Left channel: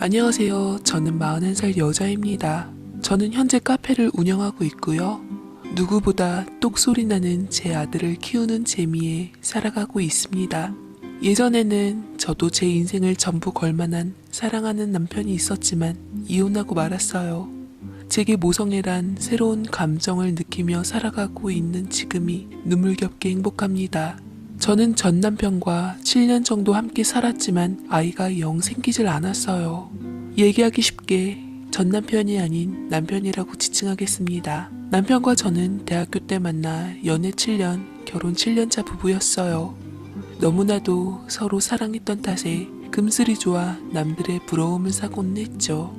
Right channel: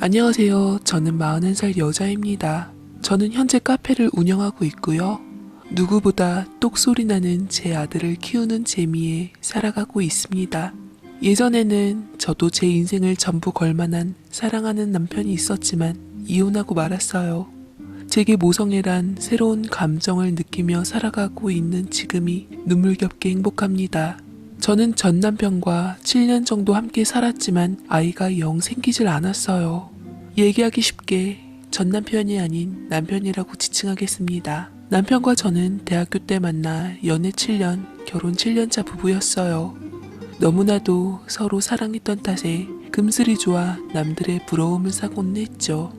안녕하세요. 저는 41살 여자입니다. 저는 현재 카페를 운영하고 있고요. 누구보다 똑소리 나는 제 아들을 키우는 재미에 살아가고 있습니다. 예전에는 저도 제 인생을 전부 걸만한 사랑하는 남편이 있었지만 이혼하고 말았어요. 제게 모성애란 새로운 감정을 느끼며 살아가고 있는 지금이 눈물겹게 행복합니다. 저는 전 남편과 7년 정도 함께 살았지만 아이가 영 생기질 않았어요. 얘기하기 쉽게 전 남편이 아닌 남편이라고 지칭하겠습니다. 남편과 저는 대학교 때 만나 연애 7년, 결혼 7년차 부부였어요. 너무나도 서로 사랑했던 탓에 끔슬이 좋아 남들의 부러움을 사고는 했죠.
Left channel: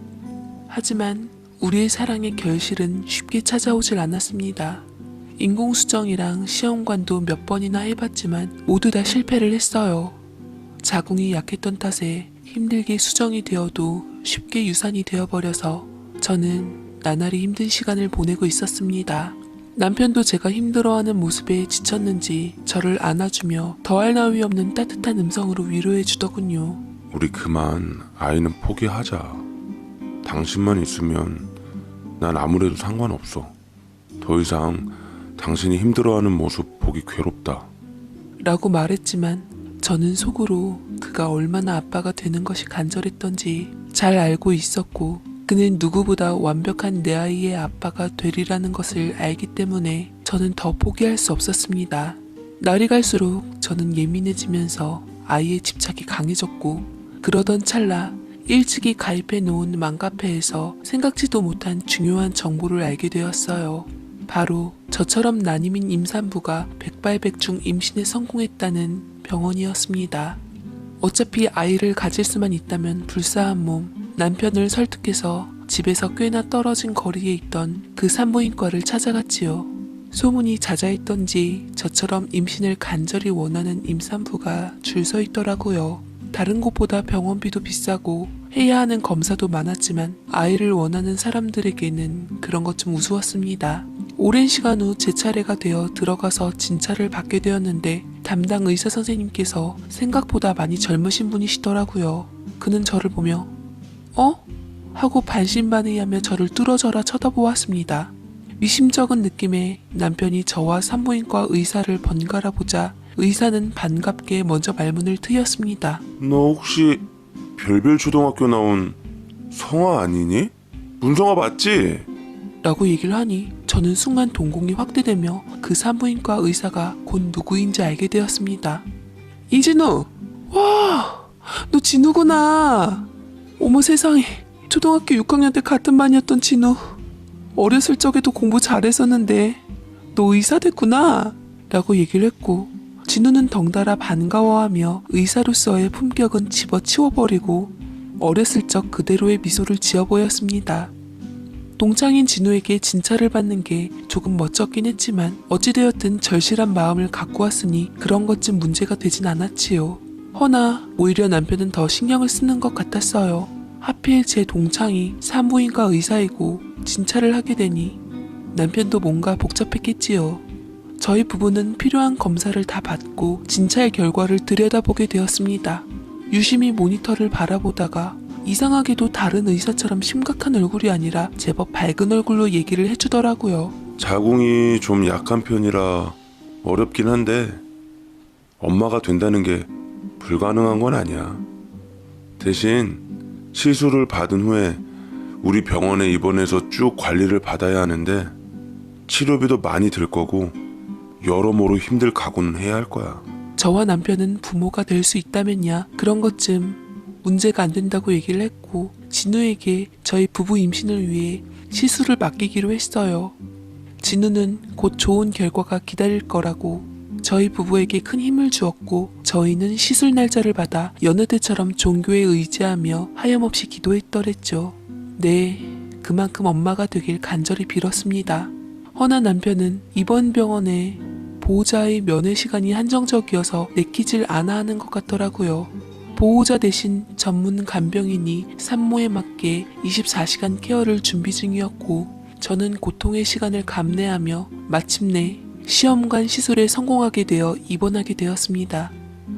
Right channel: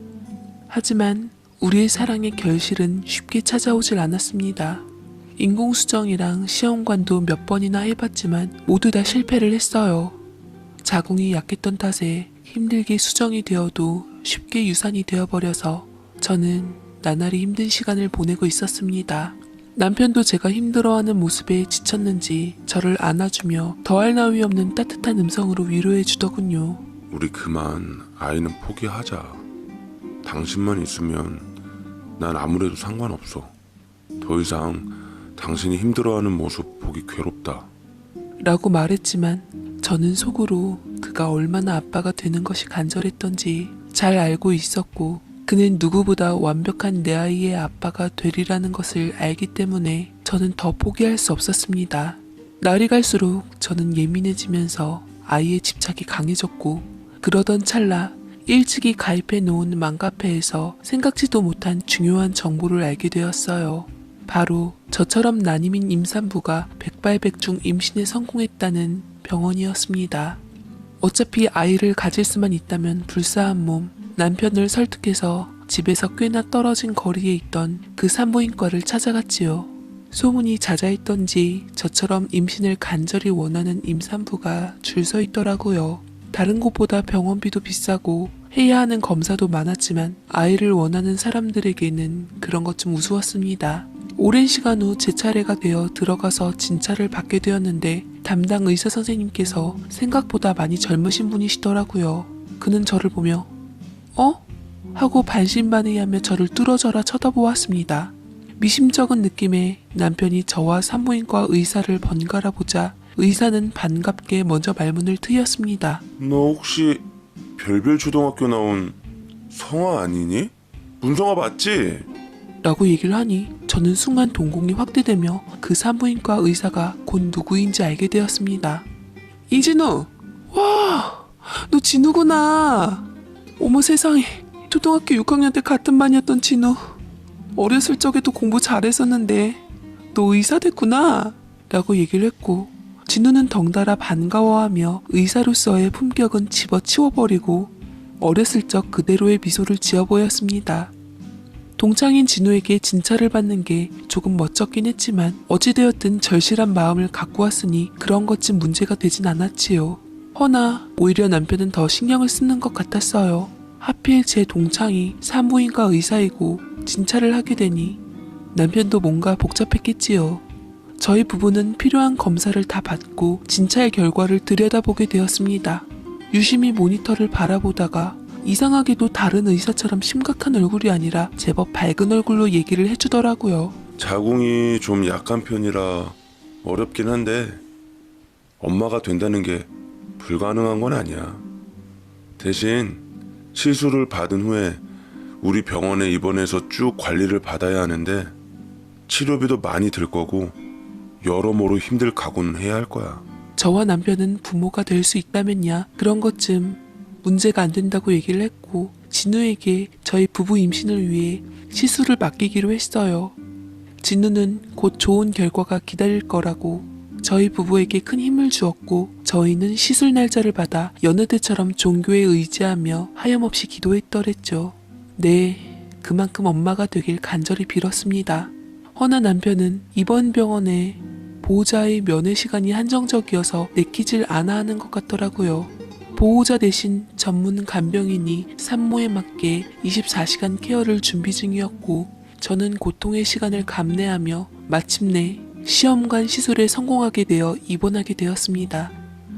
하지만 우리의 사랑의 결실은 쉽게 찾아오질 않았습니다. 인공수정이랑 시험관도 몇 번이나 해봤지만 모두 다 실패를 했어요. 자궁이 약했던 탓에 힘들게 수정이 되어도 쉽게 유산이 되어버려서 저는 나날이 힘든 시간을 보내고 있었습니다. 남편도 제가 힘들어하는 모습에 지쳤는지 저를 안아주며 더할 나위 없는 따뜻한 음성으로 위로해주더군요. 우리 그만 아이는 포기하자. 당신만 있으면 난 아무래도 상관없어. 더 이상 당신이 힘들어하는 모습 보기 괴롭다. 라고 말했지만 저는 속으로 그가 얼마나 아빠가 되는 것이 간절했던지 잘 알고 있었고 그는 누구보다 완벽한 내 아이의 아빠가 되리라는 것을 알기 때문에 저는 더 포기할 수 없었습니다. 날이 갈수록 저는 예민해지면서 아이의 집착이 강해졌고 그러던 찰나 일찍이 가입해 놓은 맘카페에서 생각지도 못한 중요한 정보를 알게 되었어요. 바로 저처럼 난임인 임산부가 백발백중 임신에 성공했다는 병원이었습니다. 어차피 아이를 가질 수만 있다면 불사한 몸, 남편을 설득해서 집에서 꽤나 떨어진 거리에 있던 그 산부인과를 찾아갔지요. 소문이 자자했던지 저처럼 임신을 간절히 원하는 임산부가 줄 서 있더라고요. 다른 곳보다 병원비도 비싸고 해야 하는 검사도 많았지만 아이를 원하는 사람들에게는 그런 것 좀 우스웠습니다. 오랜 시간 후 제 차례가 되어 들어가서 진찰을 받게 되었는데 담당 의사 선생님께서 생각보다 많이 젊으신 분이시더라고요. 그는 저를 보며 어? 하고 반신반의하며 저를 뚫어져라 쳐다보았습니다. 미심쩍은 느낌에 남편이 저와 산부인과 의사를 번갈아 보자 의사는 반갑게 먼저 말문을 트였습니다. 너 혹시 별별 초등학교 나온 성아 아니니? 문성아 맞지? 라고 얘기를 하니 저는 순간 동공이 확대되며 그 산부인과 의사가 곧 누구인지 알게 되었습니다. 이진우! 와! 너 진우구나! 어머 세상에, 초등학교 6학년 때 같은 반이었던 진우. 어렸을 적에도 공부 잘했었는데 너 의사 됐구나! 라고 얘기를 했고 진우는 덩달아 반가워하며 의사로서의 품격은 집어치워버리고 어렸을 적 그대로의 미소를 지어 보였습니다. 동창인 진우에게 진찰을 받는 게 조금 멋쩍긴 했지만 어찌되었든 절실한 마음을 갖고 왔으니 그런 것쯤 문제가 되진 않았지요. 허나 오히려 남편은 더 신경을 쓰는 것 같았어요. 하필 제 동창이 산부인과 의사이고 진찰을 하게 되니 남편도 뭔가 복잡했겠지요. 저희 부부는 필요한 검사를 다 받고 진찰 결과를 들여다보게 되었습니다. 유심히 모니터를 바라보다가 이상하게도 다른 의사처럼 심각한 얼굴이 아니라 제법 밝은 얼굴로 얘기를 해주더라고요. 자궁이 좀 약한 편이라 어렵긴 한데 엄마가 된다는 게 불가능한 건 아니야. 대신 시술을 받은 후에 우리 병원에 입원해서 쭉 관리를 받아야 하는데 치료비도 많이 들 거고 여러모로 힘들 각오는 해야 할 거야. 저와 남편은 부모가 될 수 있다면야 그런 것쯤 문제가 안 된다고 얘기를 했고 진우에게 저희 부부 임신을 위해 시술을 맡기기로 했어요. 진우는 곧 좋은 결과가 기다릴 거라고 저희 부부에게 큰 힘을 주었고 저희는 시술 날짜를 받아 여느 때처럼 종교에 의지하며 하염없이 기도했더랬죠. 네, 그만큼 엄마가 되길 간절히 빌었습니다. 허나 남편은 이번 병원에 보호자의 면회 시간이 한정적이어서 내키질 않아 하는 것 같더라고요. 보호자 대신 전문 간병인이 산모에 맞게 24시간 케어를 준비 중이었고 저는 고통의 시간을 감내하며 마침내 시험관 시술에 성공하게 되어 입원하게 되었습니다.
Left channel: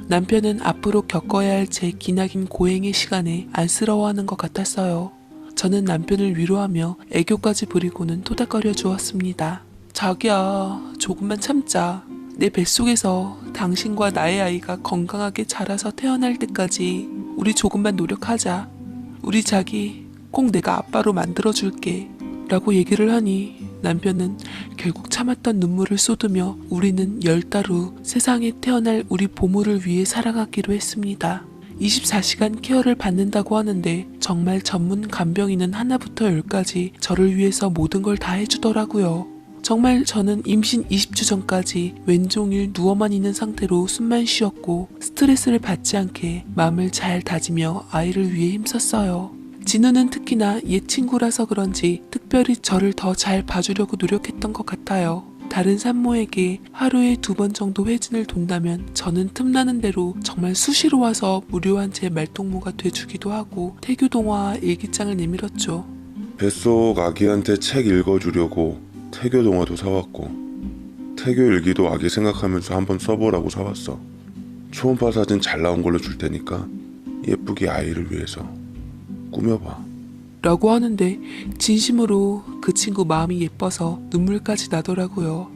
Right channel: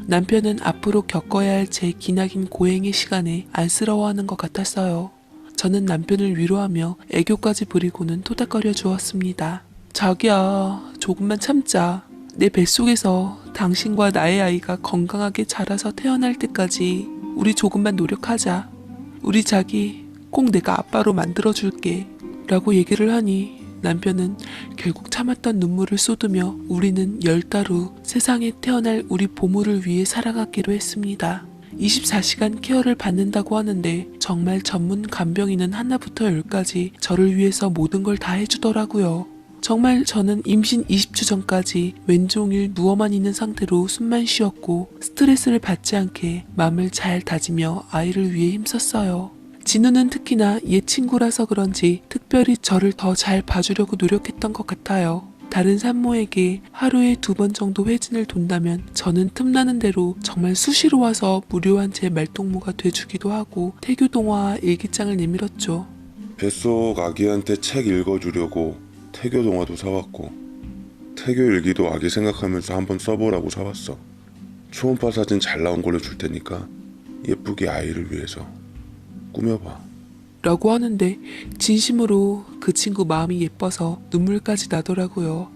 남편은 앞으로 겪어야 할 제 기나긴 고행의 시간에 안쓰러워하는 것 같았어요. 저는 남편을 위로하며 애교까지 부리고는 토닥거려 주었습니다. 자기야, 조금만 참자. 내 뱃속에서 당신과 나의 아이가 건강하게 자라서 태어날 때까지 우리 조금만 노력하자. 우리 자기 꼭 내가 아빠로 만들어줄게. 라고 얘기를 하니 남편은 결국 참았던 눈물을 쏟으며 우리는 10달 후 세상에 태어날 우리 보물을 위해 살아가기로 했습니다. 24시간 케어를 받는다고 하는데 정말 전문 간병인은 하나부터 10까지 저를 위해서 모든 걸 다 해주더라고요. 정말 저는 임신 20주 전까지 왼종일 누워만 있는 상태로 숨만 쉬었고 스트레스를 받지 않게 마음을 잘 다지며 아이를 위해 힘썼어요. 진우는 특히나 옛 친구라서 그런지 특별히 저를 더 잘 봐주려고 노력했던 것 같아요. 다른 산모에게 하루에 2번 정도 회진을 돈다면 저는 틈나는 대로 정말 수시로 와서 무료한 제 말동무가 돼주기도 하고 태교동화 일기장을 내밀었죠. 뱃속 아기한테 책 읽어주려고 태교 동화도 사왔고 태교 일기도 아기 생각하면서 한번 써보라고 사왔어. 초음파 사진 잘 나온 걸로 줄 테니까 예쁘게 아이를 위해서 꾸며봐. 라고 하는데 진심으로 그 친구 마음이 예뻐서 눈물까지 나더라고요.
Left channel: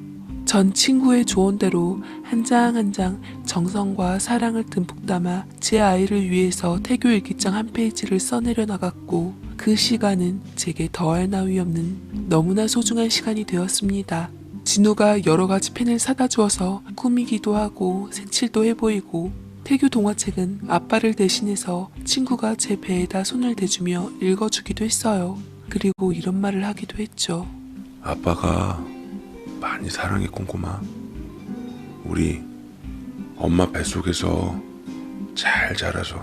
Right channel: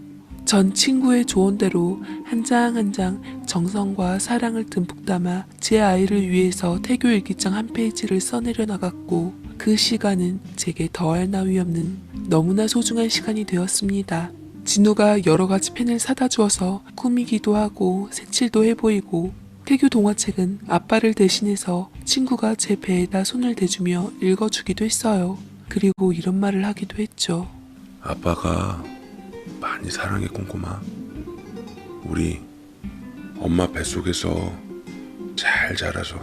전 친구의 조언대로 한 장 한 장 정성과 사랑을 듬뿍 담아 제 아이를 위해서 태교 일기장 한 페이지를 써내려 나갔고 그 시간은 제게 더할 나위 없는 너무나 소중한 시간이 되었습니다. 진우가 여러 가지 펜을 사다 주어서 꾸미기도 하고 색칠도 해보이고 태교 동화책은 아빠를 대신해서 친구가 제 배에다 손을 대주며 읽어주기도 했어요. 그리고 이런 말을 하기도 했죠. 아빠가 많이 사랑해 꼼꼼아. 우리 엄마 뱃속에서 잘 자라서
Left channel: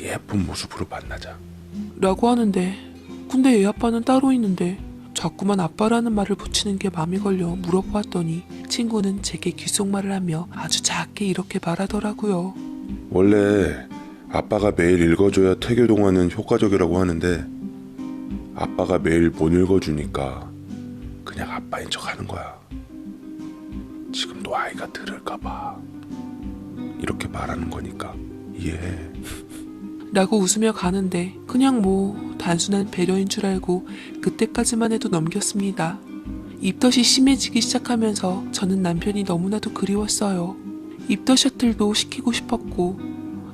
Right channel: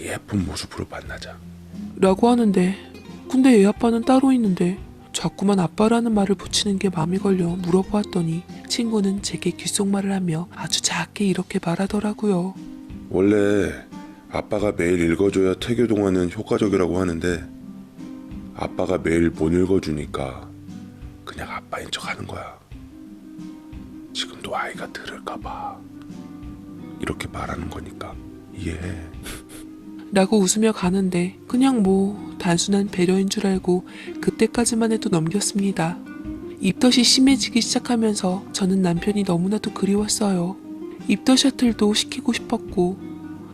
예쁜 모습으로 만나자. 라고 하는데 근데 애 아빠는 따로 있는데 자꾸만 아빠라는 말을 붙이는 게 마음에 걸려 물어보았더니 친구는 제게 귓속말을 하며 아주 작게 이렇게 말하더라고요. 원래 아빠가 매일 읽어줘야 태교 동화는 효과적이라고 하는데 아빠가 매일 못 읽어주니까 그냥 아빠인 척 하는 거야. 지금도 아이가 들을까봐 이렇게 말하는 거니까 이해해. 라고 웃으며 가는데 그냥 뭐 단순한 배려인 줄 알고 그때까지만 해도 넘겼습니다. 입덧이 심해지기 시작하면서 저는 남편이 너무나도 그리웠어요. 입덧 셔틀도 시키고 싶었고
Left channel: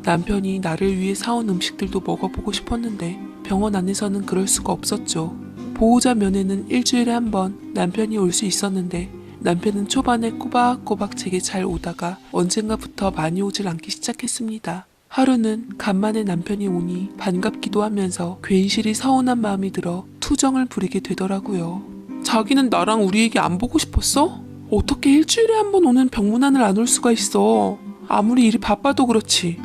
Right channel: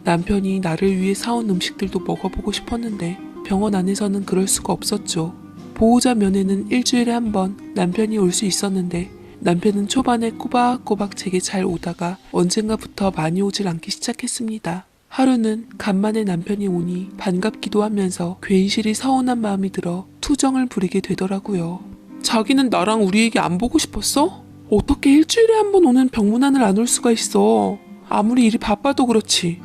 남편이 나를 위해 사온 음식들도 먹어보고 싶었는데 병원 안에서는 그럴 수가 없었죠. 보호자 면회는 일주일에 한 번 남편이 올 수 있었는데 남편은 초반에 꼬박꼬박 제게 잘 오다가 언젠가부터 많이 오질 않기 시작했습니다. 하루는 간만에 남편이 오니 반갑기도 하면서 괜시리 서운한 마음이 들어 투정을 부리게 되더라고요. 자기는 나랑 우리 애기 안 보고 싶었어? 어떻게 일주일에 한 번 오는 병문안을 안 올 수가 있어. 아무리 일이 바빠도 그렇지.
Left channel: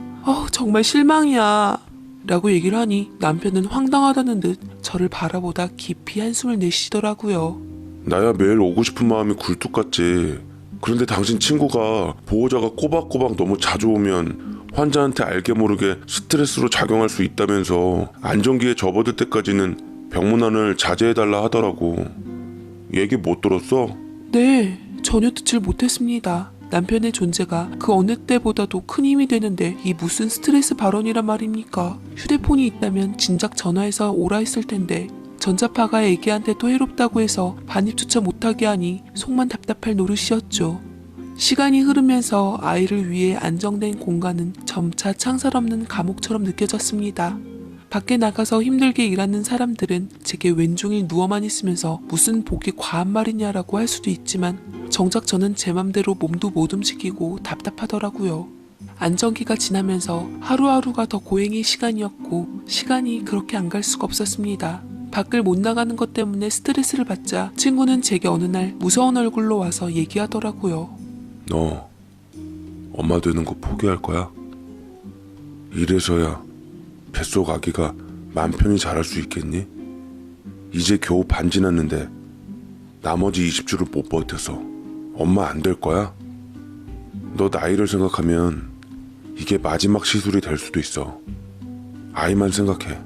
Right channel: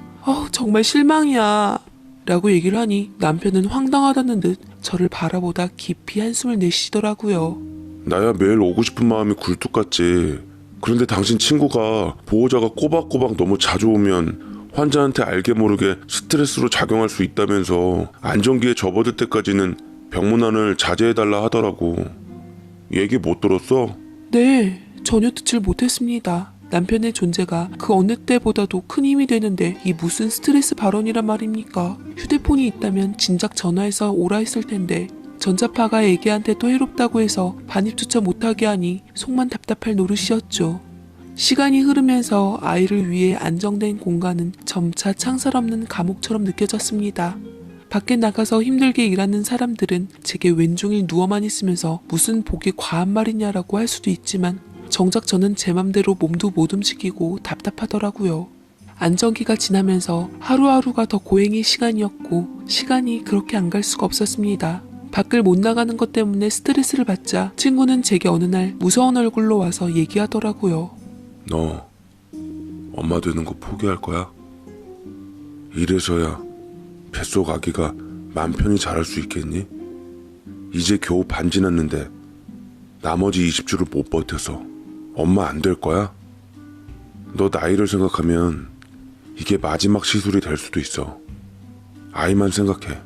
정말 실망이야. 라고 얘기를 하니 남편은 황당하다는 듯 저를 바라보다 깊이 한숨을 내쉬더라고요. 나야 매일 오고 싶은 마음이 굴뚝 같지. 그런데 당신 친구가 보호자가 꼬박꼬박 너무 자주 오면 환자한테 알게 모르게 스트레스로 작용할 수 있다면서 안정기에 접어들 때까지는 병문안을 자제해달라 하더라고. 얘기 못 들었어? 네, 전혀 듣질 못했습니다. 남편의 존재가 그 어느 때보다도 큰 힘이 되는데 이 무슨 스트레스 발언이란 말입니까? 휴대폰이 있다면 진작 전화해서 오라 했을 텐데 전자파가 애기한테 또 해롭다고 해서 반입조차 못하게 하니 속만 답답할 노릇이었죠. 시간이 흐르면서 아이를 위해 안정된 공간은 점차 창살 없는 감옥처럼 느껴졌습니다. 밖에 나가서 힘들게 일하는 사람들은 제게 왼종일 누워만 있으면서 무슨 복이 과한 말이냐라고 할 수도 있지만 정작 저는 제 맘대로 몸도 못 움직이고 답답하더라고요. 안정기가 지나면서 하루하루가 더 고행의 시간이었고 시간이 그렇게 안 갈 수가 없었습니다. 밖을 못 나가는 것 때문에 스트레스를 받자 친구는 제게 어느 날 무서운 얼굴로 와서 얘기하더라고요. 너 엄마 되는 거 포기할 거야? 이래서야 뱃속 아기가 맘 편히 자랄 수 있겠니? 이제 겨우 반 지났는데 나머지 20주를 못 버텨서 엄마 안 될 거야? 너 나이를 생각하면 이게 마지막 시술이 될 수도 있어. 아이만 생각해.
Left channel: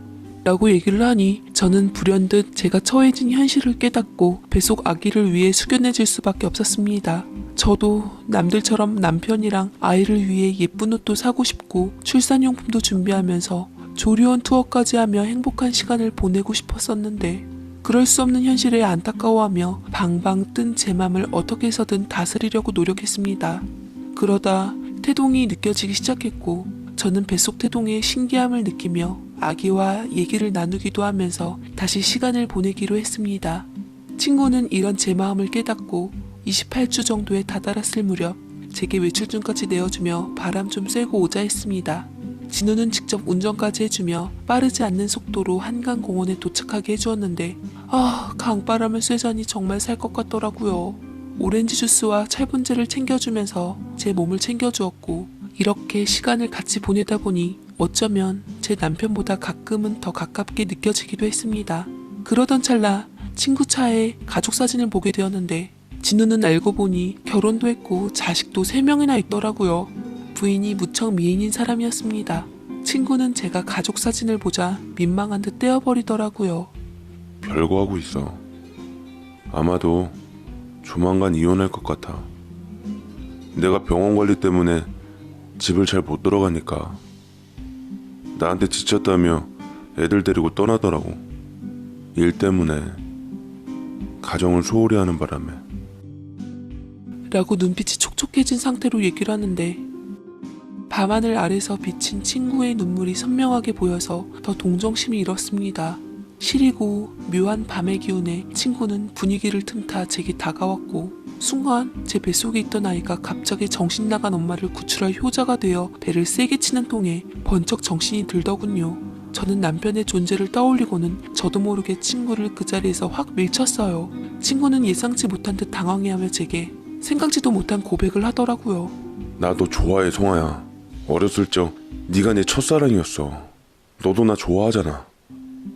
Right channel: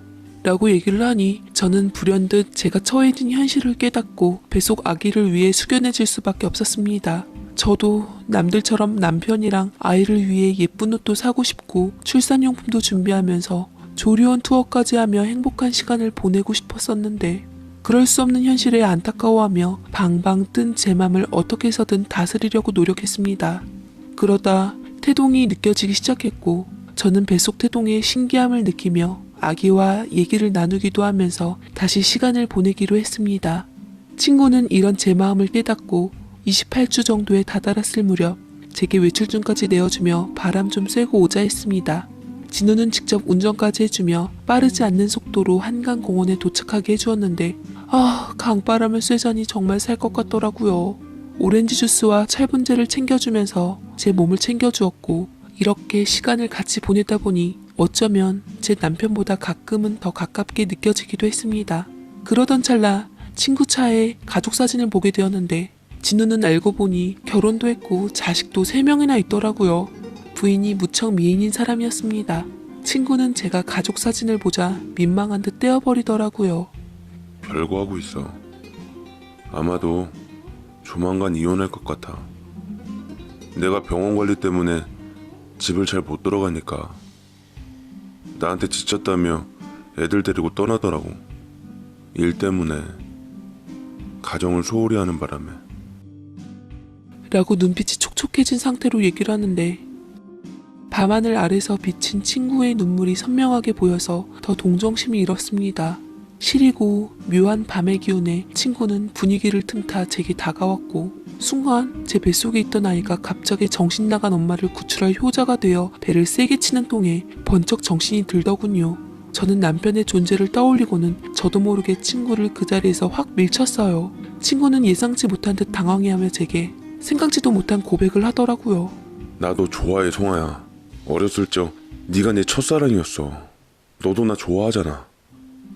라고 얘기를 하니 저는 불현듯 제가 처해진 현실을 깨닫고 뱃속 아기를 위해 숙연해질 수밖에 없었습니다. 저도 남들처럼 남편이랑 아이를 위해 예쁜 옷도 사고 싶고 출산용품도 준비하면서 조리원 투어까지 하며 행복한 시간을 보내고 싶었었는데 그럴 수 없는 현실에 안타까워하며 방방 뜬 제 맘을 어떻게 해서든 다스리려고 노력했습니다. 그러다 태동이 느껴지기 시작했고 저는 뱃속 태동의 신기함을 느끼며 아기와 얘기를 나누기도 하면서 다시 시간을 보내기로 했습니다. 친구는 이런 제 마음을 깨닫고 28주 정도에 다다랐을 무렵 제게 외출증까지 내어주며 바람 좀 쐬고 오자 했습니다. 진우는 직접 운전까지 해주며 빠르지 않는 속도로 한강공원에 도착하게 해주었는데 강바람을 쐬자니 정말 살 것 같더라고요. 오렌지 주스와 찰분제를 챙겨주면서 제 몸을 챙겨주었고 이렇게 시간을 같이 보내다 보니 어쩌면 제 남편보다 가끔은 더 가깝게 느껴지기도 했습니다. 그러던 찰나 친구 차에 가족 사진을 보게 되었는데 진우는 알고 보니 결혼도 했고 자식도 3명이나 있더라고요. 부인이 무척 미인인 사람이었습니다. 친구는 제가 가족 사진을 보자 민망한 듯 떼어버리더라고요. 별거 하고 있어. 아마도 조만간 이혼할 것 같아. 내가 병원 관리 때문에 집을 잘 못 돌아가니까 나한테 지쳤다며 애들 데리고 떠나더라고. 일 때문에 가정을 소홀히 하는 바람에. 라고 눈빛이 촉촉해진 상태로 얘기를 하는데 밤하늘 아래서 비친 친구의 눈물이 선명하게 보여서 더 동정심이 일었습니다. 시리고 묘한 밤의 기운에 친구는 분위기를 틈타 제게 다가왔고 순간 제 뱃속에 있던 아이가 갑자기 정신 나간 엄마를 구출할 효자가 되어 배를 세게 치는 통에 번쩍 정신이 들더군요. 저는 남편의 존재를 떠올리고는 저도 모르게 친구를 그 자리에서 확 밀쳤어요. 친구는 예상치 못한 듯 당황해하며 제게 생각지도 못한 고백을 하더라고요. 나 너 좋아해, 성아야. 어렸을 적 네가 내 첫사랑이었어. 너도 나 좋아하잖아.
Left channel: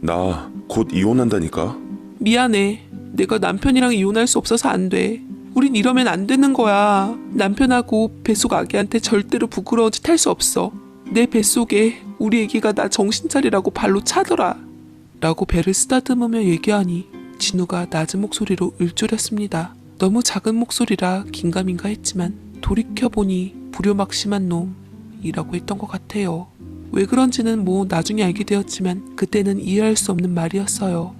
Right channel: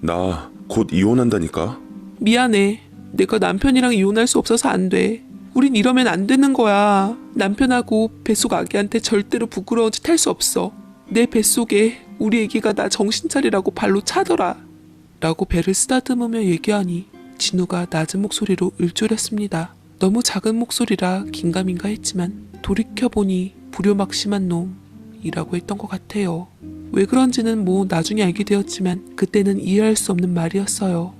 나 곧 이혼한다니까? 미안해. 내가 남편이랑 이혼할 수 없어서 안 돼. 우린 이러면 안 되는 거야. 남편하고 뱃속 아기한테 절대로 부끄러운 짓 할 수 없어. 내 뱃속에 우리 아기가 나 정신 차리라고 발로 차더라. 라고 배를 쓰다듬으며 얘기하니 진우가 낮은 목소리로 읊조렸습니다. 너무 작은 목소리라 긴가민가 했지만 돌이켜보니 불효막심한 놈이라고 했던 것 같아요. 왜 그런지는 나중에 알게 되었지만 그때는 이해할 수 없는 말이었어요.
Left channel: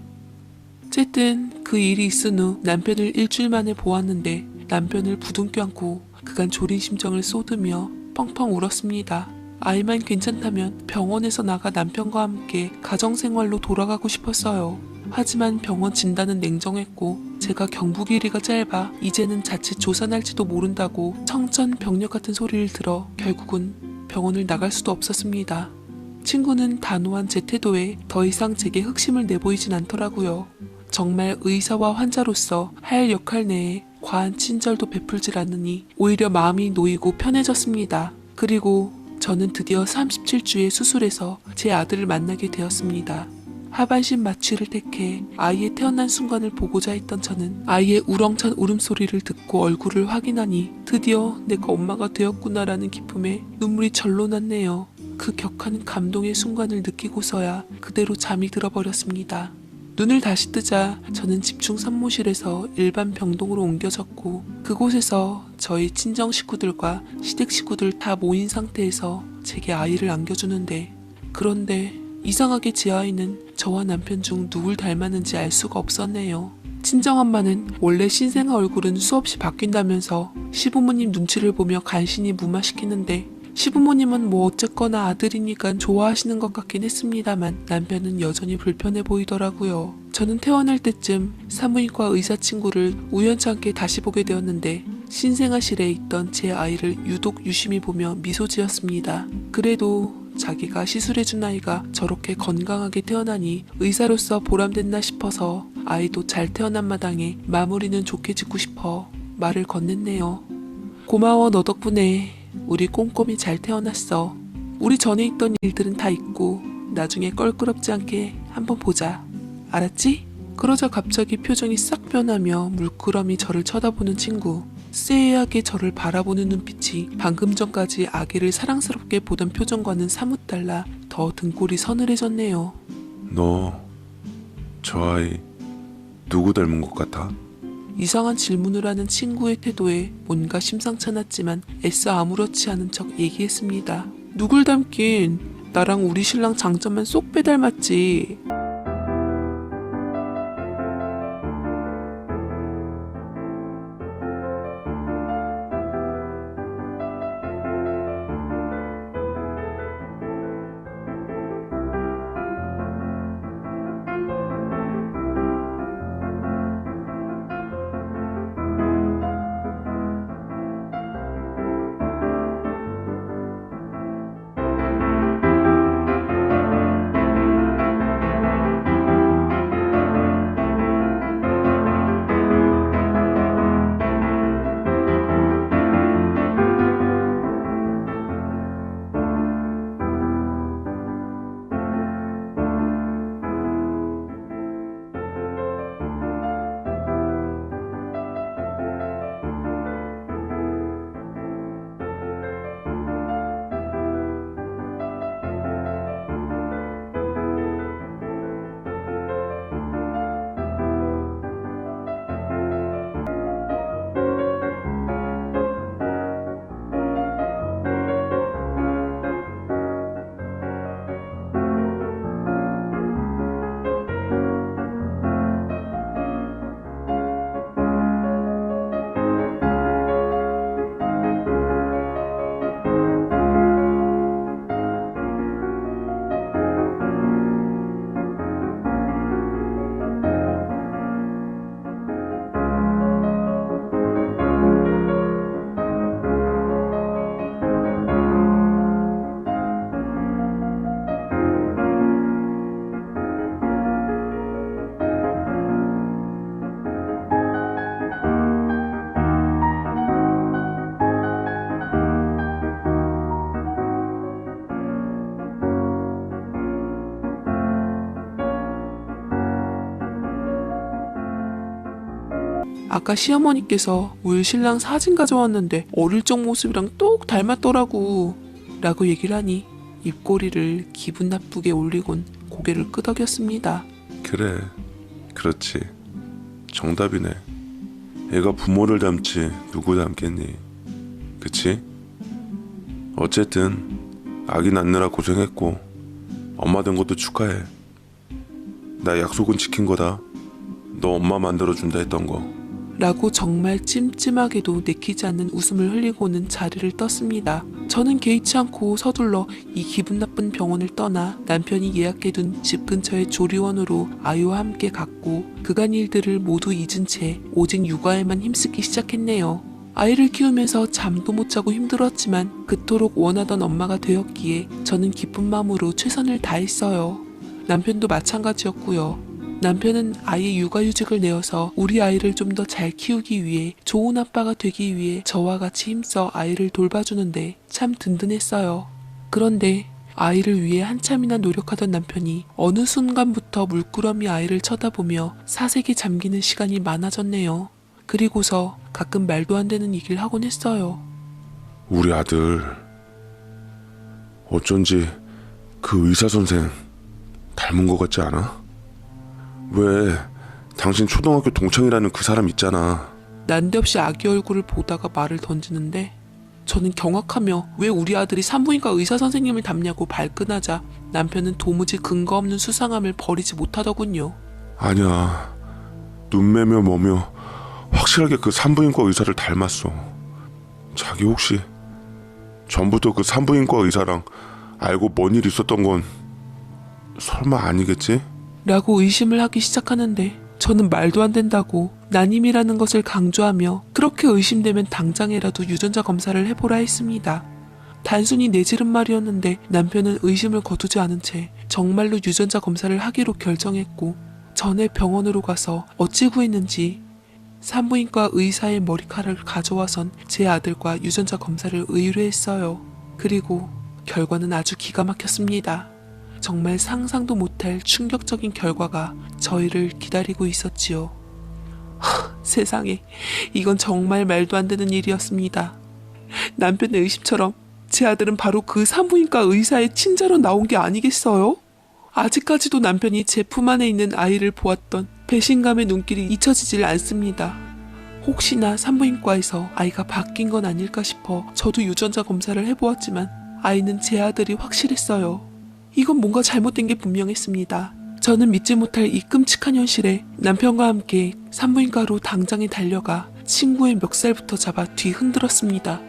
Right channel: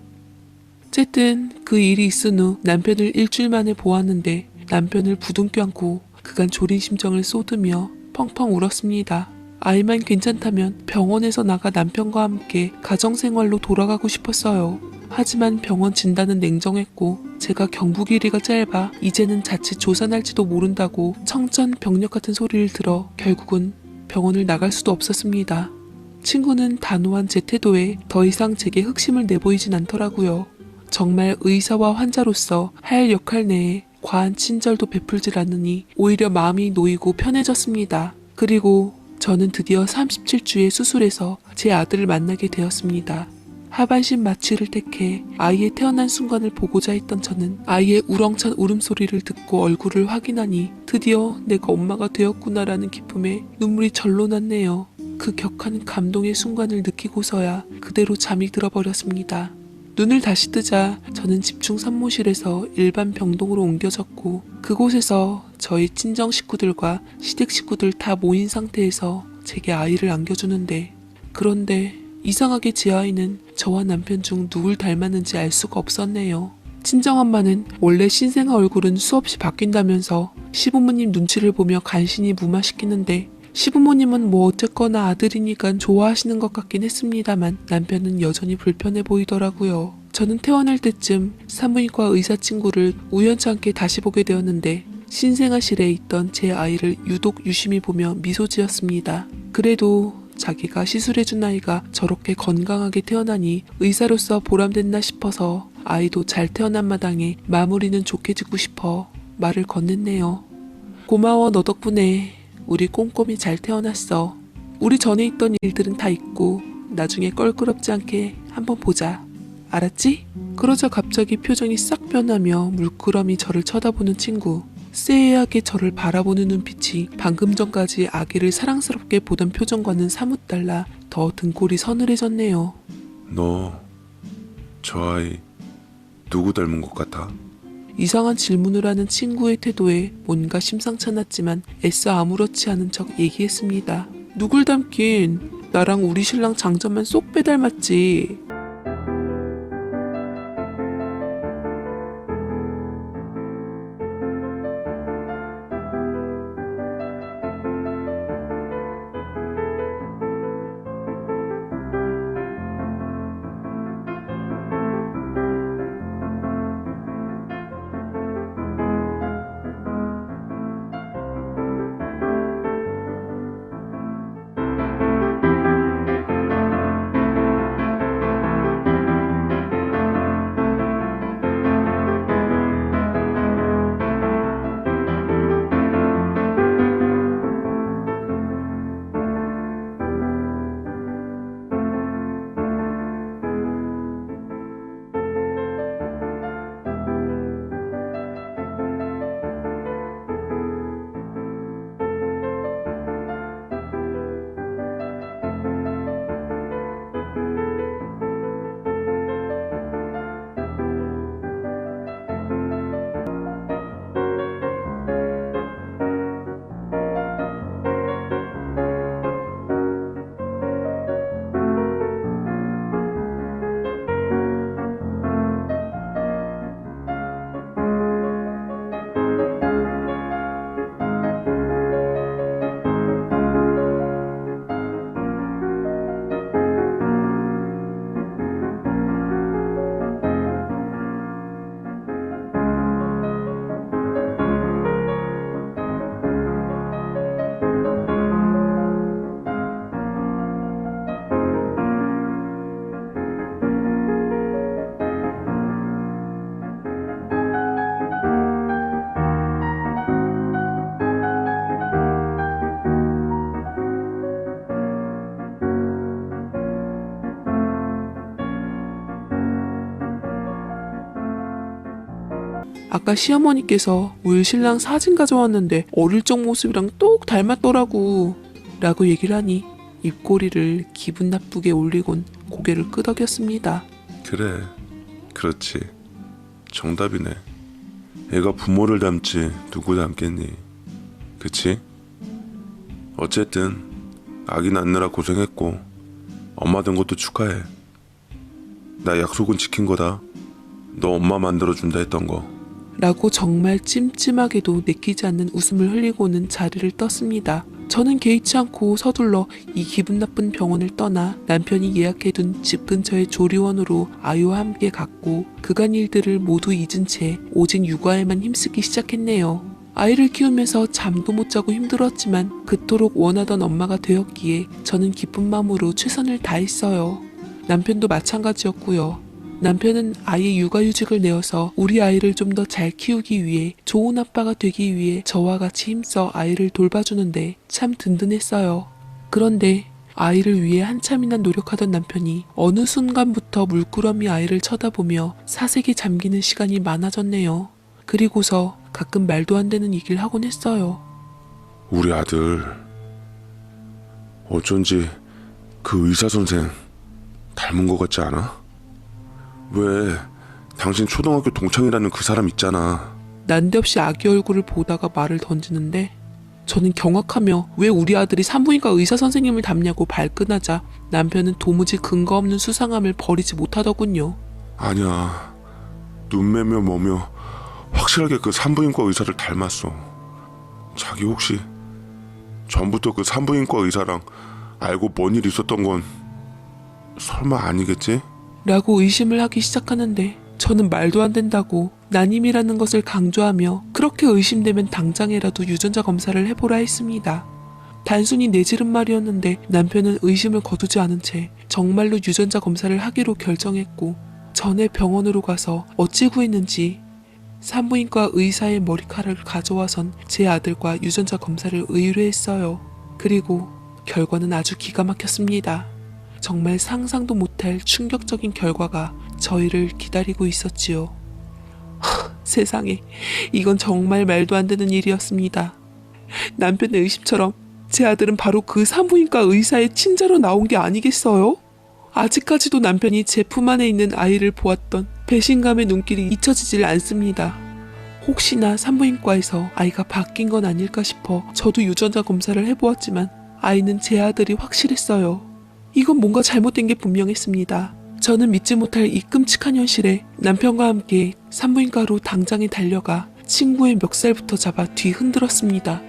어쨌든 그 일이 있은 후 남편을 일주일 만에 보았는데 남편을 부둥켜 안고 그간 졸인 심정을 쏟으며 펑펑 울었습니다. 아이만 괜찮다면 병원에서 나가 남편과 함께 가정생활로 돌아가고 싶었어요. 하지만 병원 진단은 냉정했고 제가 경부 길이가 짧아 이제는 자칫 조산할지도 모른다고 청천벽력 같은 소리를 들어 결국은 병원을 나갈 수도 없었습니다. 친구는 단호한 제 태도에 더 이상 제게 흑심을 내보이진 않더라고요. 정말 의사와 환자로서 할 역할 내에 과한 친절도 베풀질 않으니 오히려 마음이 놓이고 편해졌습니다. 그리고 저는 드디어 37주에 수술해서 제 아들을 만나게 되었습니다. 하반신 마취를 택해 아이의 태어난 순간을 보고자 했던 저는 아이의 우렁찬 울음소리를 듣고 얼굴을 확인하니 드디어 내가 엄마가 되었구나라는 기쁨에 눈물이 절로 났네요. 그 격한 감동의 순간을 느끼고서야 그대로 잠이 들어버렸습니다. 눈을 다시 뜨자 저는 집중 산모실에서 일반 병동으로 옮겨졌고 그곳에서 저희 친정 식구들과 시댁 식구들 다 모인 상태에서 제게 아이를 안겨주는데 그런데 이상하게 제 아이는 저와 남편 중 누굴 닮았는지 알 수가 없었네요. 친정엄마는 원래 신생아 얼굴은 수없이 바뀐다면서 시부모님 눈치를 보며 간신히 무마시키는데 시부모님은 어쨌거나 아들이니까 좋아하시는 것 같긴 했습니다만 남편은 여전히 불편해 보이더라고요. 저는 태어날 때쯤 산부인과 의사 친구를 우연찮게 다시 보게 되었는데 신생아실에 있던 제 아이를 유독 유심히 보며 미소 지었습니다. 그래도 자기가 시술해준 아이가 저렇게 건강하게 태어나니 의사로서 보람됐나 싶어서 아이도 잘 태어난 마당에 마무리는 좋게 짓고 싶어 말을 건넸네요. 고마워 너 덕분에 우리 꼼꼼히 잘 태어났어. 우리 전에 있던 일들은 다 잊고 나중에 껄끄럽지 않게 한번 보자. 알았지? 그러자 갑자기 표정이 싹 변하며 물끄러미 저를 쳐다보는 친구. 쎄하게 저를 바라보는 눈빛이 방금 전까지 아기를 사랑스럽게 보던 표정과는 사뭇 달라 더 등골이 서늘해졌네요. 너 저 아이 누구 닮은 것 같아? 이상한 질문을 하는 친구의 태도에 뭔가 심상찮았지만 애써 아무렇지 않은 척 얘기했습니다. 누굴 닮긴, 나랑 우리 신랑 장자만 쏙 빼닮았지. 아까 시어머니께서 울 신랑 사진 가져왔는데 어릴 적 모습이랑 똑 닮았더라고 라고 얘기를 하니 입꼬리를 기분 나쁘게 올리곤 고개를 끄덕였습니다. 그래, 그렇지. 정답이네. 애가 부모를 닮지 누구 닮겠니? 그치? 어쨌든 아기 낳느라 고생했고 엄마 된 것도 축하해. 나 약속은 지킨 거다. 너 엄마 만들어준다 했던 거. 라고 정말 찜찜하게도 내키지 않는 웃음을 흘리고는 자리를 떴습니다. 저는 개의치 않고 서둘러 이 기분 나쁜 병원을 떠나 남편이 예약해둔 집 근처의 조리원으로 아이와 함께 갔고 그간 일들을 모두 잊은 채 오직 육아에만 힘쓰기 시작했네요. 아이를 키우면서 잠도 못 자고 힘들었지만 그토록 원하던 엄마가 되었기에 저는 기쁜 마음으로 최선을 다했어요. 남편도 마찬가지였고요. 남편은 아이 육아휴직을 내어서 우리 아이를 좀 더 잘 키우기 위해 좋은 아빠가 되기 위해 저와 같이 힘써 아이를 돌봐주는데 참 든든했어요. 그런데 아이를 위해 한참이나 노력하던 남편이 어느 순간부터 물끄러미 아이를 쳐다보며 사색에 잠기는 시간이 많아졌네요. 그리고서 가끔 말도 안 되는 얘기를 하곤 했어요. 우리 아들 어쩐지 그 의사 선생 닮은 것 같지 않아? 왜 당신 초등학교 동창이라는 그 사람 있잖아. 난데없이 아기 얼굴을 보다가 말을 던지는데 저는 경악하며 왜 우리 아들이 산부인과 의사 선생님을 닮냐고 발끈하자 남편은 도무지 근거 없는 수상함을 버리지 못하더군요. 아니야, 눈매며 뭐며 확실하게 그 산부인과 의사를 닮았어. 자기 혹시 전부터 그 산부인과 의사랑 알고 뭔 일 있었던 건 설마 아니겠지? 라고 의심을 하기 시작하는데 저는 말도 안 된다고 난임이라는 것을 강조하며 그렇게 의심되면 당장이라도 유전자 검사를 해보라 했습니다. 단순히 내지른 말이었는데 남편은 의심을 거두지 않은 채 정말로 유전자 검사를 하기로 결정했고 전에 병원으로 가서 어찌 구했는지 산부인과 의사의 머리카락을 가져와선 제 아들과 유전자 검사를 의뢰했어요. 그리고 결과는 아주 기가 막혔습니다. 정말 상상도 못할 충격적인 결과가 저희를 기다리고 있었지요. 세상에, 이건 정말 말도 안 되는 일이었습니다. 남편의 의심처럼 제 아들은 바로 그 산부인과 의사의 친자로 나온 게 아니겠어요? 아직까지도 남편이 제 품 안에 있는 아이를 보았던 배신감의 눈길이 잊혀지질 않습니다. 혹시나 산부인과에서 아이가 바뀐 건 아닐까 싶어 저도 유전자 검사를 해보았지만 아이는 제 아들이 확실했어요. 이건 뭔가 잘못된 게 분명했습니다. 저는 믿지 못할 이 끔찍한 현실에 남편과 함께 산부인과로 당장에 달려가 친구의 멱살부터 잡아 뒤 흔들었습니다.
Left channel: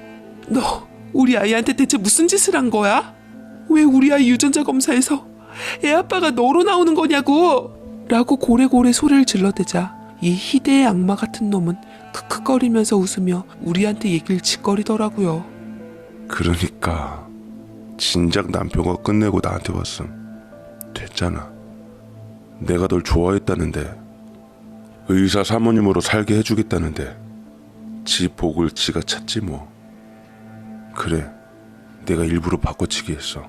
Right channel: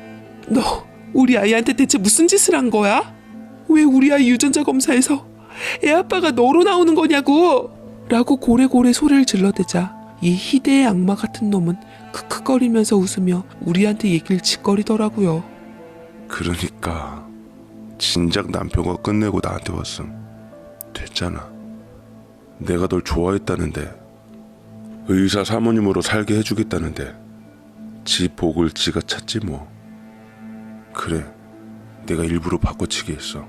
너 우리 아이한테 대체 무슨 짓을 한 거야? 왜 우리 아이 유전자 검사에서 애 아빠가 너로 나오는 거냐고! 라고 고래고래 소리를 질러대자 이 희대의 악마 같은 놈은 크크거리면서 웃으며 우리한테 얘기를 짓거리더라고요. 그러니까 진작 남편과 끝내고 나한테 왔음. 됐잖아. 내가 널 좋아했다는데, 의사 사모님으로 살게 해주겠다는데 지 복을 지가 찾지 뭐. 그래, 내가 일부러 바꿔치기 했어.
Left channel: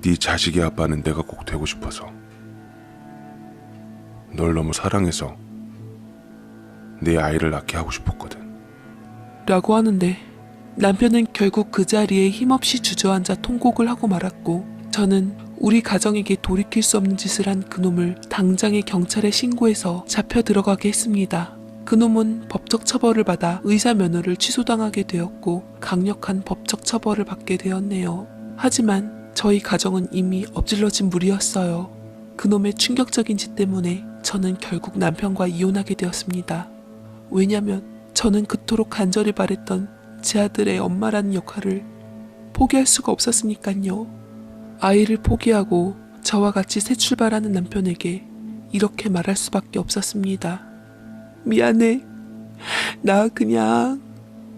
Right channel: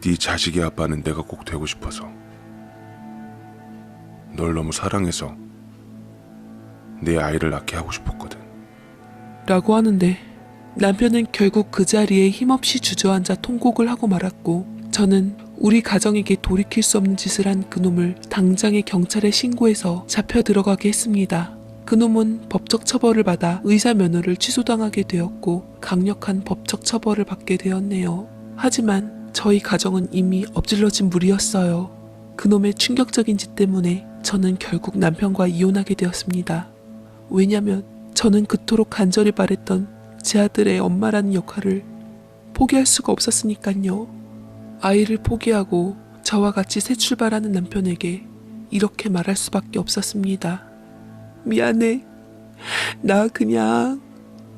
네 자식의 아빠는 내가 꼭 되고 싶어서. 널 너무 사랑해서 내 아이를 낳게 하고 싶었거든. 라고 하는데 남편은 결국 그 자리에 힘없이 주저앉아 통곡을 하고 말았고 저는 우리 가정에게 돌이킬 수 없는 짓을 한 그놈을 당장에 경찰에 신고해서 잡혀 들어가게 했습니다. 그놈은 법적 처벌을 받아 의사 면허를 취소당하게 되었고 강력한 법적 처벌을 받게 되었네요. 하지만 저희 가정은 이미 엎질러진 물이었어요. 그놈의 충격적인 짓 때문에 저는 결국 남편과 이혼하게 되었습니다. 왜냐면 저는 그토록 간절히 바랬던 제 아들의 엄마라는 역할을 포기할 수가 없었으니까요. 아이를 포기하고 저와 같이 새 출발하는 남편에게 이렇게 말할 수밖에 없었습니다. 미안해. 나 그냥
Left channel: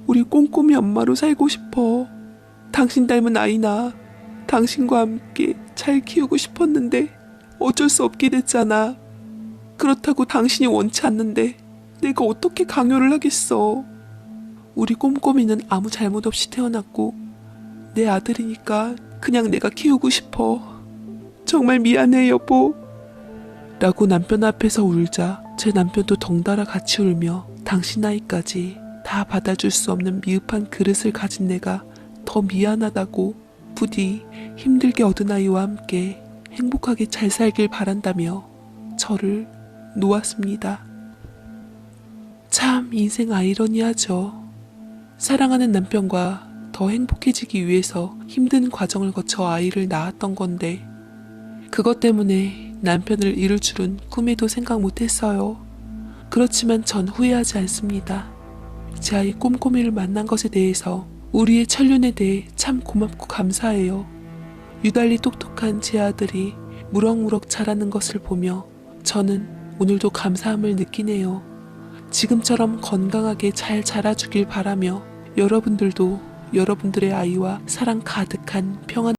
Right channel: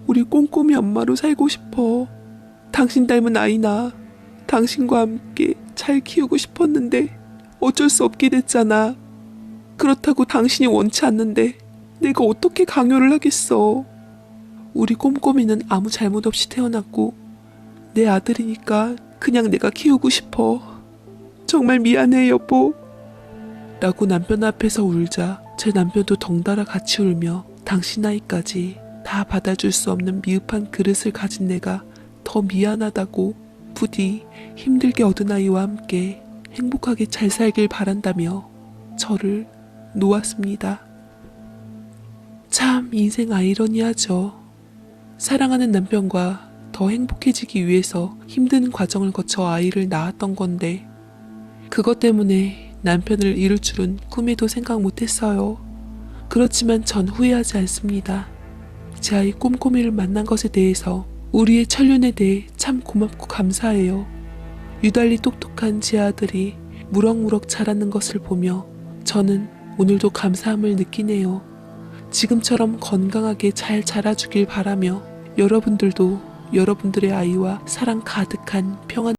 우리 꼼꼼히 엄마로 살고 싶어. 당신 닮은 아이나 당신과 함께 잘 키우고 싶었는데 어쩔 수 없게 됐잖아. 그렇다고 당신이 원치 않는데 내가 어떻게 강요를 하겠어. 우리 꼼꼼이는 아무 잘못 없이 태어났고 내 아들이니까 그냥 내가 키우고 싶어. 정말 미안해 여보. 라고 남편 앞에서 울자 제 남편도 덩달아 같이 울며 당신 아이까지 다 받아줄 수 없는 미흡한 그릇을 가진 내가 더 미안하다고 부디 힘들게 얻은 아이와 함께 행복하게 잘 살길 바란다며 저를 놓았습니다. 참 인생 아이러니하죠. 사랑하는 남편과 더 행복해지기 위해서 힘든 과정을 거쳐 아이를 낳았던 건데 그것 때문에 남편을 잃을 줄은 꿈에도 생각 못했어요. 그렇지만 전 후회하지 않습니다. 제 아이 꼼꼼이를 만난 것에 대해서 우리의 천륜에 대해 참 고맙고 감사해요. 유달리 똑똑한 제 아들이 무럭무럭 자라는 것을 보며 저는 오늘도 감사함을 느끼네요. 지금처럼 건강하게 잘 자라주길 바라며 여러분들도 여러분들의 아이와 사랑 가득한 평안